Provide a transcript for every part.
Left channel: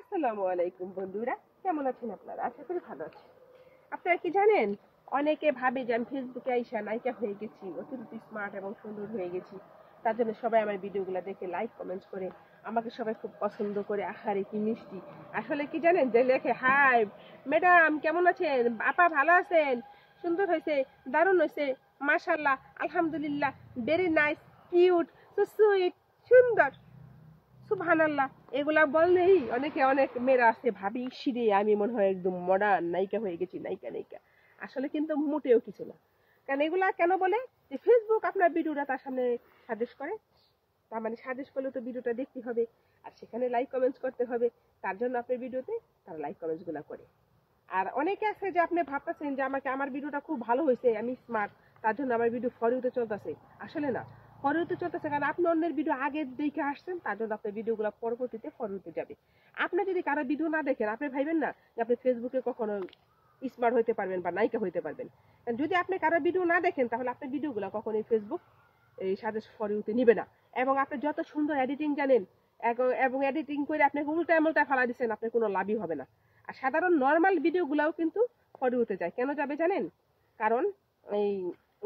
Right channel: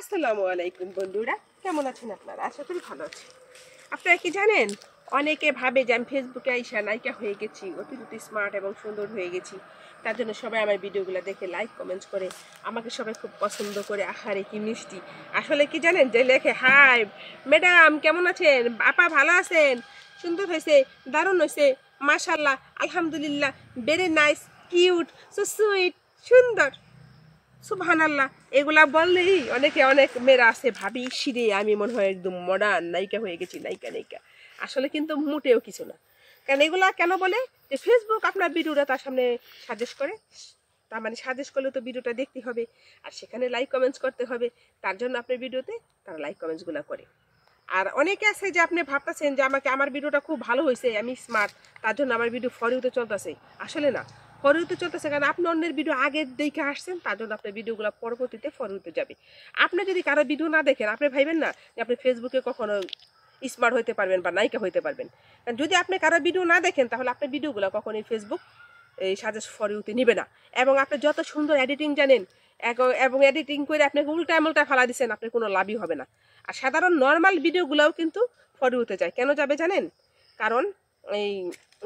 আসসালামু আলাইকুম বন্ধুরা, কেমন আছেন আপনারা? আশা করি ভালো আছেন। আপনারা কি জানেন, অনেকে ভাবে যে আমি ফেসবুকে আইসা নায়িকা হয়ে গেছি, অতিরিক্ত স্মার্ট এবং সুন্দর হয়ে গেছি। তার জন্য সবাই আমার ভিডিওগুলো দেখে লাইক কমেন্টস করে, আমাকে সবাই খুব পছন্দ করে। আহারে কি মিষ্টি! আসলে কি জানেন, যে লেখে হাই ম্যাডাম কেমন আছেন, আপা ভালো আছেন, সুন্দর হয়েছে, দারুণ হয়েছে, মাশাল্লাহ, আলহামদুলিল্লাহ, very nice, cute, so sweet, সুন্দর, সুবহানাল্লাহ, এগুলা বললেই অনেকে, অনেক মেয়েরা আছে ভাবি সিরে আমি মনে হয় একদম মডার্ন নায়িকা হয়ে গেছি, নায়িকা নায়িকা। আসলে কিন্তু মোটেও কিছু না। কারণ এগুলা কেন বলে, যে ফেসবুক আপনার ভিডিওটা তার সামনে সাজেস্ট করে, তার মানে সাজেস্ট করলে তো ভিডিওটা দেখতে হবে, আর সেখানে লাইক কমেন্টস করতে হবে। তার জন্য আপনার ভিডিওতে তারা লাইক কমেন্টসগুলো করে। আর অনেকে আছে যে আপনি ভাবতেছেন যে আমার ভিডিওটা খুব ভালো হয়েছে, আমি স্মার্ট, তার জন্য আমার ভিডিও ফর ইউতে চলতেছে। আসলে না, ফর ইউতে চলতেছে কারণ আপনি অন্যের ভিডিও আগে দেখে আসছেন, তার জন্য আপনার ভিডিওগুলো পরবর্তীতে ফর ইউতে যাবে। আপনি যদি কারো ভিডিও না দেখেন, আপনি ভাইবেন না যে আপনি ফেসবুকে কখনো স্মার্ট হইতে পারবেন বা নায়িকা হইতে পারবেন। কারণ যদি আপনি কারো ভিডিও না দেখেন, তাহলে আপনার ভিডিওগুলো কখনোই ফেসবুক এই সাজেস্ট ফর ইউতে নিবে না। এবং আপনি যত সুন্দর এডিটিং জানেন, এবং এডিটিং করে আপনি উল্টায় মুল্টায় ফেলা দিচ্ছেন, আপনার কোনো লাভই হবে না। আর সাধারণ নর্মাল ভিডিওগুলোও কিন্তু ফর ইউতে যায়। কেন যাবে জানেন? কারণ এই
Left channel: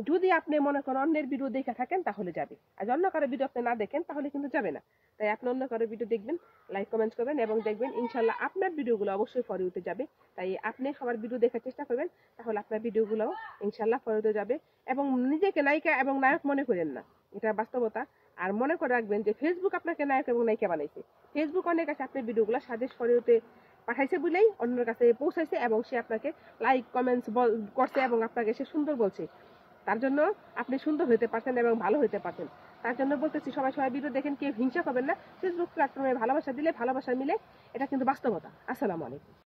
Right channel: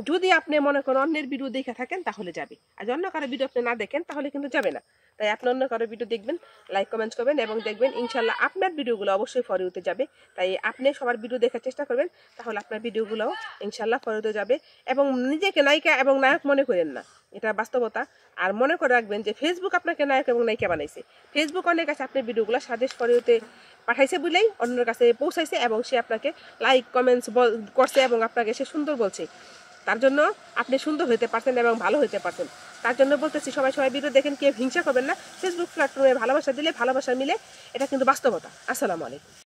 যদি আপনি মনে করেন অন্যের ভিডিও দেখে থাকেন, তাহলে যাবে। আর অন্য কারো ভিডিও আপনি না দেখেন, তাহলে কিন্তু যাবে না। তাই আপনি অন্য কারো ভিডিও দেখবেন, লাইক কমেন্টস করবেন, এবং দেখবেন ইনশাল্লাহ আপনার ভিডিওগুলো অবশ্যই ফর ইউতে যাবে। তাই আপনি সবার ভিডিও দেখার চেষ্টা করবেন, তাহলে আপনার ভিডিওগুলোও ইনশাল্লাহ ফর ইউতে যাবে। এবং নিজেকে নায়িকা এবং নায়ক মনে করেন না, এটা বাস্তবতা। আর মনে করে রাখবেন যে ফেসবুক আপনাকে নায়ক এবং নায়িকা বানাইছে। ফেসবুক অনেক কাছে আপনার ভিডিওগুলো সাজেস্ট ফর ইউতে পাঠাইছে বলেই অন্যের কাছে পৌঁছাইছে, এবং সে আপনাকে লাইক কমেন্টস করছে এবং আপনাকে সে সুন্দর বলছে। তার জন্য আপনি সুন্দর হতে পারছেন এবং ভালো হতে পারছেন। তার জন্য বলতেছি, সবাই সবাই ভিডিও দেখেন, কেউ হিংসা করবেন না। ফেসবুক প্ল্যাটফর্মে ভালোবাসা দিলে ভালোবাসা মিলে, এটা কিন্তু বাস্তবতা। আসসালামু আলাইকুম।